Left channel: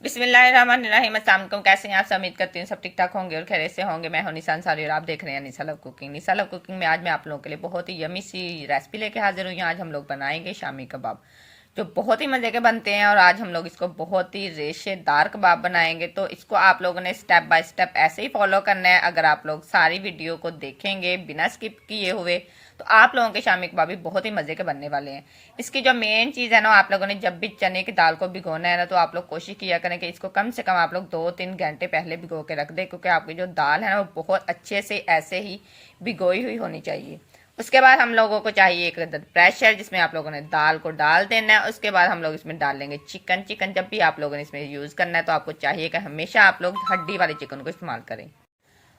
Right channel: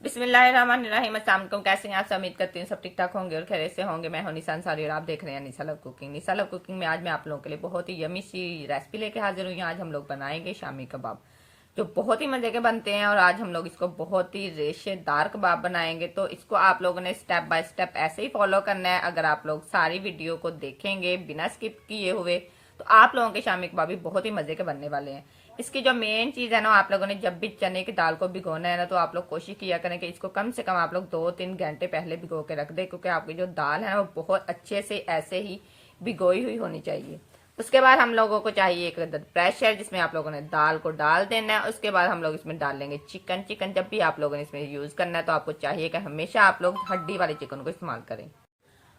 बिस्मिल्लाहिर्रहमानिर्रहीम। अस्सलाम वालेकुम। कैसे हैं आप सब? उम्मीद करती हूँ सब ठीक ठाक होंगे और खैरियत से होंगे। मैं हूं निशा अंसारी और आप देख रहे हैं निशा लव कुकिंग। निशा लव कुकिंग में आज मैं आप लोगों के लिए बहुत ही यमी सी रेसिपी लेके हाजिर हुई हूँ। आज हम लोग बनाएंगे शामी कबाब, जो बहुत ही मज़े के बनते हैं। और आज हम लोग इसको बहुत ही रेशेदार कबाब बनाएंगे। तो इसको आप लोगों ने स्टेप बाय स्टेप ऐसे ही फॉलो करना है। अगर आप लोग सारी वीडियो को देखेंगे बिना स्किप किए हुए तो आप लोगों के शामी कबाब भी बहुत ही मज़े के बनने वाले हैं। इसकी जो मेन चीज़ है ना, आप लोगों ने जब भी चने की दाल को भिगोना है ना, तो आप लोग कोशिश किया करें कि इसको कम से कम आप लोग 2-3 घंटे पहले भिगो के रख दें, क्योंकि आपकी जो दाल है ना वो बहुत अच्छे से ऐसे ही भिगोई हुई होनी चाहिए। उसके बाद हम लोगों को चाहिए एक प्रेशर, जिसमें आप लोगों ने दाल को डाल देना है। उसके बाद हम लोग इसमें डाल लेंगे चिकन। चिकन जब भी आप लोगों ने इसमें यूज़ करना है तो आपको चाहिए कि हमेशा आप लोग हड्डी वाले चिकन को इस्तेमाल करें।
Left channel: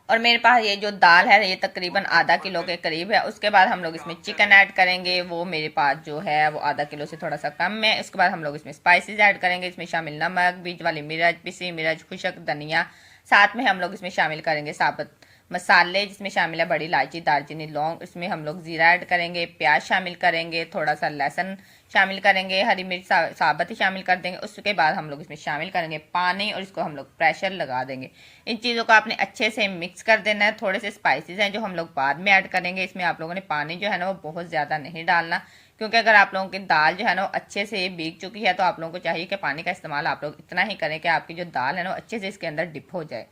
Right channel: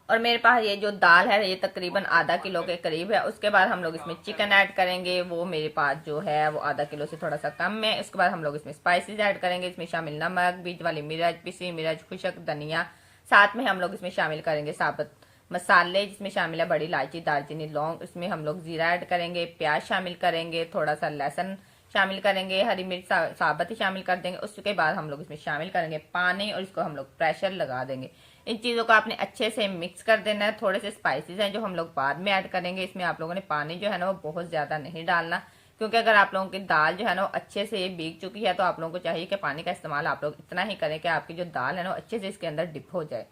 और मेरे पास ये जो दाल है ये तकरीबन आधा किलो के करीब है। उसके बाद हम लोग इसमें चिकन ऐड करेंगे, वो मेरे पास जो है वो आधा किलो से थोड़ा सा कम है। उसके बाद हम लोग इसमें स्पाइसेस ऐड करेंगे। इसमें शामिल नमक, बीज वाली मिर्च, पिसी मिर्च, खुशक धनिया। साथ में हम लोग इसमें शामिल करेंगे साबुत मसाले, जिसमें शामिल है बड़ी इलायची, दालचीनी, लौंग। इसमें हम लोग जीरा ऐड करेंगे, प्याज शामिल करेंगे, थोड़ा सा लहसुन शामिल करेंगे, हरी मिर्च साबुत ही शामिल कर देंगे। उसके बाद हम लोग इसमें शामिल करेंगे पानी और इसको हम लोग प्रेशर लगा देंगे। इन चीज़ों को आपने अच्छे से मिक्स कर देना है। थोड़े से स्पाइसेस हैं जो हम लोग बाद में ऐड करेंगे। इसमें आप लोगों ने पानी जो है ना वो बहुत ज़्यादा नहीं डालना, क्योंकि अगर आप लोगों की दाल जो है ना वो अच्छे से भीग चुकी है तो आप लोगों को चाहिए कि पानी का इस्तेमाल आप लोग इतना ही करें कि आपकी जो दाल है ना वो अच्छे से इसके अंदर डिप हो जाए।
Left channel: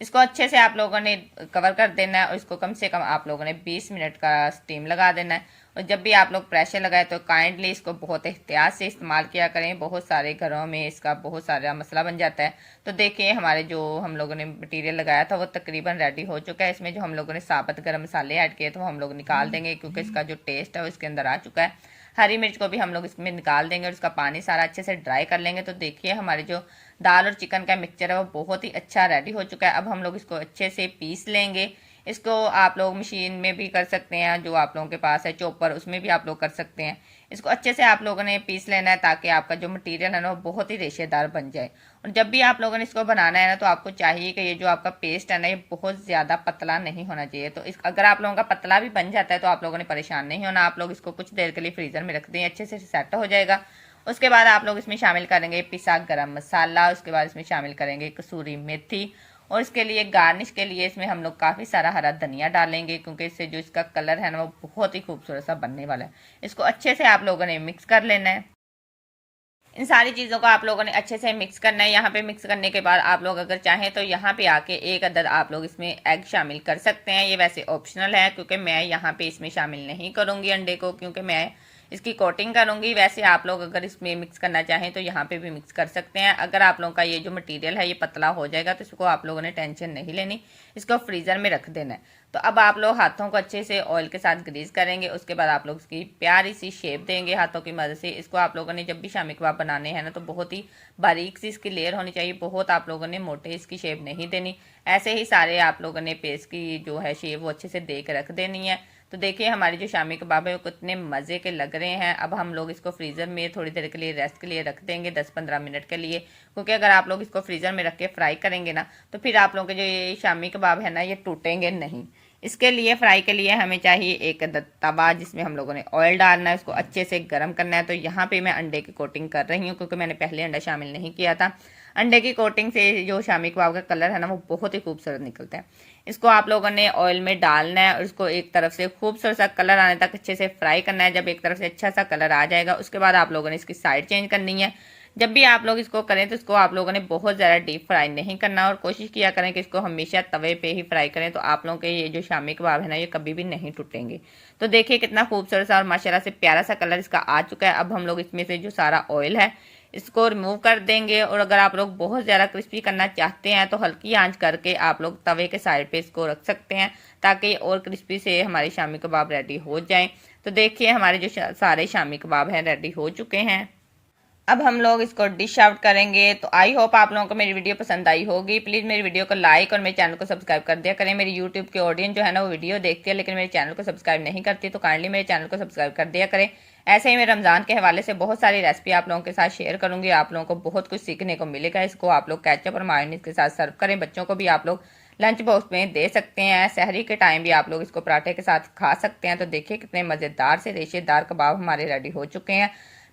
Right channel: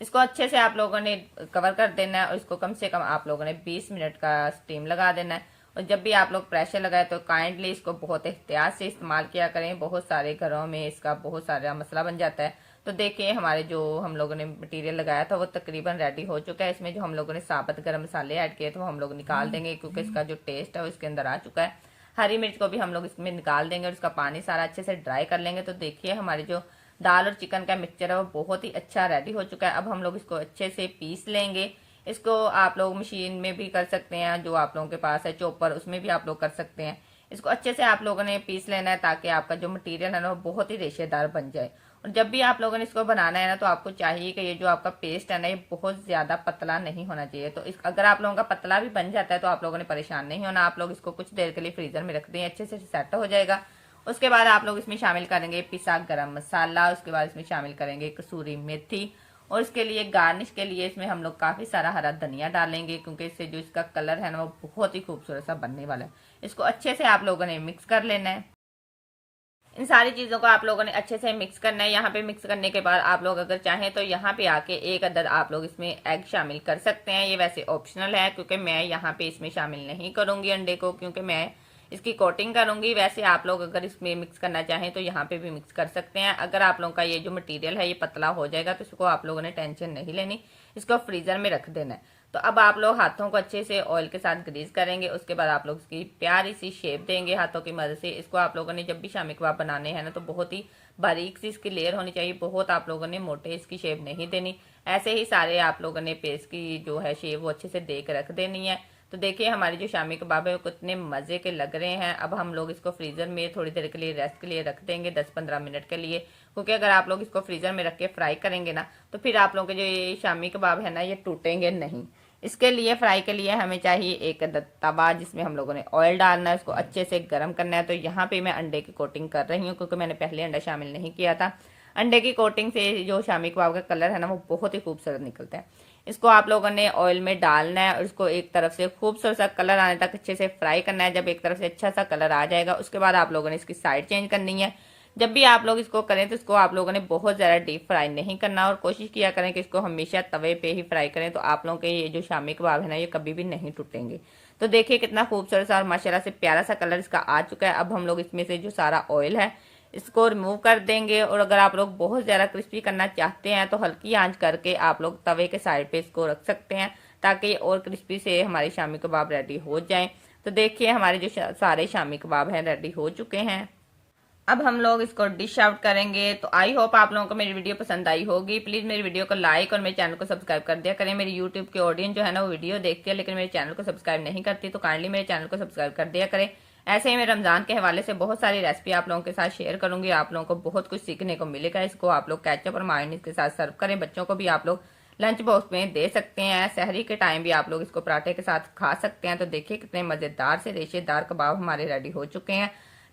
इसको अच्छे से आप लोगों ने कवर कर देना है और इसको कम से कम आप लोगों ने 20 मिनट का स्टीम लगा देना है। और जब भी आप लोग प्रेशर लगाए तो काइंडली इसको बहुत एहतियात से इस्तेमाल किया करें। बहुत सारे घरों में इसका बहुत सारा मसला बन जाता है। तो देखिए हमारे जो हम लोगों ने मटेरियल लगाया था वो तकरीबन रेडी हो चुका है। इसमें जो हम लोगों ने साबुत गरम मसाले ऐड किए थे वो हम लोग निकाल देंगे, क्योंकि इसका जो टेस्ट है वो इसके अंदर आ चुका है। हरी मिर्च को भी हम लोग इसमें निकाल देंगे और इसका पानी सारा अच्छे से ड्राई कर लेंगे। तो देखिए हमारी जो दाल और चिकन का मिक्सचर है वो बहुत ही अच्छा रेडी हो चुका है। अब हम लोग इसको अच्छे से पीस लेंगे। इसको आप लोग मशीन में भी कर सकते हैं, जो आप लोगों के पास है चॉपर उसमें भी आप लोग कर सकते हैं। इसको अच्छे से आप लोगों ने पीस लेना है ताकि आपका जो मटेरियल है ना वो बहुत ही रेशेदार बन जाए। और जब भी आप लोगों ने इसको बनाना है ना तो आपको चाहिए कि ये जो आपका पेस्ट है ना ये बहुत ज़्यादा पतला नहीं होना चाहिए। तो इस अगर आप लोगों का पतला भी बन जाता है तो आप लोगों ने परेशान नहीं होना। आप लोग इसको कुछ देर के लिए फ्रीज़र में रख दें, अच्छे से सेट हो जाएगा। उसके बाद आप लोग इसमें शामिल करेंगे पिसा गरम मसाला। उसके बाद इसमें शामिल करेंगे कसूरी मेथी। और इसके लिए गार्निश के लिए इसमें हम लोग काफ़ी सारा हरा धनिया डालेंगे, क्योंकि इससे जो इसका कलर है ना वो बहुत ही खूबसूरत सा बनने वाला है। इसको अच्छे से आप लोगों ने मिक्स कर लेना है। इन सारी चीज़ों को आप लोगों ने अच्छे से मिक्स करना है। यहाँ पे मिक्स करने के बाद आप लोग अगर चाहें तो यहाँ पे आके एक अदद आप लोग इसमें एग शामिल कर सकते हैं। ये वैसे ऑप्शनल है, क्योंकि मैं यहाँ पे इसमें शामिल नहीं करूँगी अंडे को, क्योंकि मैं इसकी कोटिंग करूँगी। वैसे आप लोग अगर इसमें मिक्स करना चाहें तो यहाँ पे भी मिक्स कर सकते हैं। अगर आप लोगों का ये जो मटेरियल है ये पतला हो जाएगा तो इसको आप लोगों ने टेंशन नहीं लेनी, इसको फ्रीज़र में रख देना है। तो अब आप लोग हाथों को अच्छे से ऑयल के साथ ग्रीस करेंगे। उसके बाद आप लोग इसकी प्यारी सी शेप देंगे हाथों की मदद से। इसको आप लोगों ने जब भी शामी कबाब बनाने हैं ना तो बहुत ही बारीक सी इसकी लेयर होनी चाहिए। बहुत आप लोगों ने मोटे इसकी शेप नहीं देनी। ऐसे ही सारे आप लोगों ने पेस्ट की जो है शेप वो अच्छे से दे के रख देनी है। तो देखिए हमारी जो शामी कबाब है वो कितने मज़े के लग रहे हैं। अब हम लोग इसको फ्रीज़र में थोड़ी देर के लिए रेस्ट के लिए रख देंगे, 10-15 मिनट के लिए, क्योंकि अगर आप लोग इसको फ्रीज़र में रख के फ्राई करेंगे ना तो फिर आप लोगों के जो ये शामी कबाब है ना ये टूटेंगे नहीं। इसके लिए फ्राई के लिए हमें चाहिए एक तवा, जिसमें हम लोगों ने ऑयल डालना है, उसको अच्छे से गर्म करना है। तो यहाँ पे मैं अंडे की कोटिंग कर रही हूँ, क्योंकि मैंने पहले अंडा शामिल नहीं किया था। अंडे की कोटिंग से जो शामी कबाब का कलर है ना वो बहुत ही खूबसूरत निकलता है। इसको आप लोगों ने ऑयल में डालना है और इसको एक तरफ से खूबसूरत सा कलर आने तक अच्छे से फ्राई करना है। जब एक तरफ से अच्छा सा कलर आ जाएगा उसके बाद आप लोगों ने इसकी साइड चेंज करनी है। जब भी आप लोग इसको करें तो इसको आप लोगों ने बहुत ज़्यादा डीप फ्राई नहीं करना, और कोशिश किया करें कि इसको हमेशा तवे पे ही फ्राई करें। तो आप लोगों के ये जो शामी कबाब है ना ये कभी भी नहीं टूटेंगे। तो देखिए कितना खूबसूरत सा और माशाल्लाह से प्यारा सा कलर इसका आ चुका है। अब हम लोग इसमें से जो सारा ऑयल है इसको रिमूव कर देंगे। और अगर आप लोग बहुत ज़्यादा क्रिस्पी करना चाहते हैं तो हल्की आंच करके आप लोग तवे के साइड पे इसको रख सकते हैं, ताकि और क्रिस्पी से हमारे शामी कबाब रेडी हो जाएं। तो देखिए हमारे जो सारे शामी कबाब हैं रेडी हो चुके हैं। अब हम लोग इसको डिश आउट करेंगे। तो आई होप आप लोगों को मेरी वीडियो पसंद आई होगी। प्लीज़ मेरी वीडियो को लाइक और मेरे चैनल को सब्सक्राइब कर दिया करें। मेरी यूट्यूब की ऑडियंस जो है ना वो वीडियो देखती है लेकिन मेरे चैनल को सब्सक्राइब नहीं करती, तो काइंडली मेरे चैनल को सब्सक्राइब कर दिया करें। ऐसे ही मैं रमज़ान के हवाले से बहुत सारी रेसिपी आप लोगों के साथ शेयर करूँगी। आप लोगों को बहुत कुछ सीखने को मिलेगा। इसको आप लोग केचप और मायोनीज के साथ सर्व करें। बच्चों को भी आप लोग लंच बॉक्स में दे सकते हैं। सहरी के टाइम भी आप लोग इसको पराठे के साथ खा सकते हैं। तो देखिए कितने मज़ेदार से रेशेदार कबाब हमारे रेडी हो चुके हैं।